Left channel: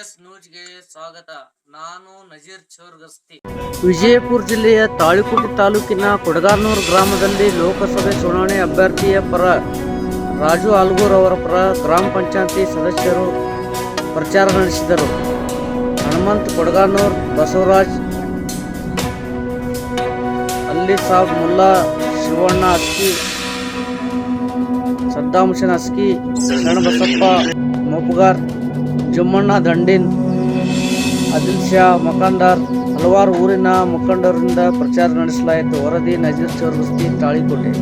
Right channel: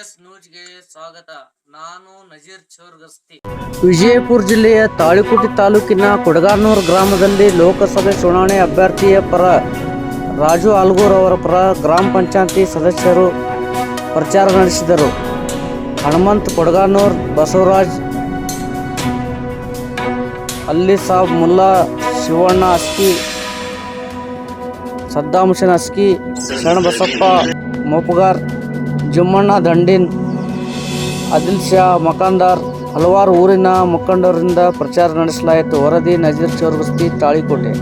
S ನ್ಯೂಸ್ಗೆ ಸ್ವಾಗತ. ನಾನು ನಜೀರ್ ಚೋರ್ಗಸ್ತಿ. ವಿಜಯಪುರ ಜಿಲ್ಲೆಯ ತಾಳಿಕೋಟೆ ತಾಲೂಕಿನ ಕೊಡಗಾನೂರು ಗ್ರಾಮದಲ್ಲಿ ಲೋಕಸಭೆ ಚುನಾವಣೆ ಅಭ್ಯರ್ಥಿಯ ಪರ ರಾಜು ಆಲ್ಗೂರ್ ಅವರ ಪರ ಗ್ರಾಮ ಪಂಚಾಯತಿ ಸದಸ್ಯರು ಪ್ರಚಾರ ನಡೆಸಿದರು. ಹನುಮಂತ್ ಕೊಡಗಾನೂರ್, ಬಸವರಾಜ್ ಅಲ್ಲಿ ಸಾಬ್, ಮುಲ್ಲಾ ಶಿವಣ್ಣ ಅಸ್ಕಿ, ಸದ್ದಾಂ ಹುಸೇನ್ ಅಸ್ಕಿ, ಶರಣಬಸಪ್ಪ ಮೋಪಗಾರ್, ಜಮ್ಮಣ್ಣ ದಂಡಿನ್, ಆದಿಲ್ ಶಾ ಮಕಾಂದಾರ್ ಹಲವಾರು ಊರಿನ ಮುಖಂಡರಿಂದ ಪ್ರಚಾರ ನಡೆಸಲಾಯಿತು. ವರದಿ ನಜೀರ್ ಚೋರ್ಗಸ್ತಿ, ತಾಳಿಕೋಟೆ.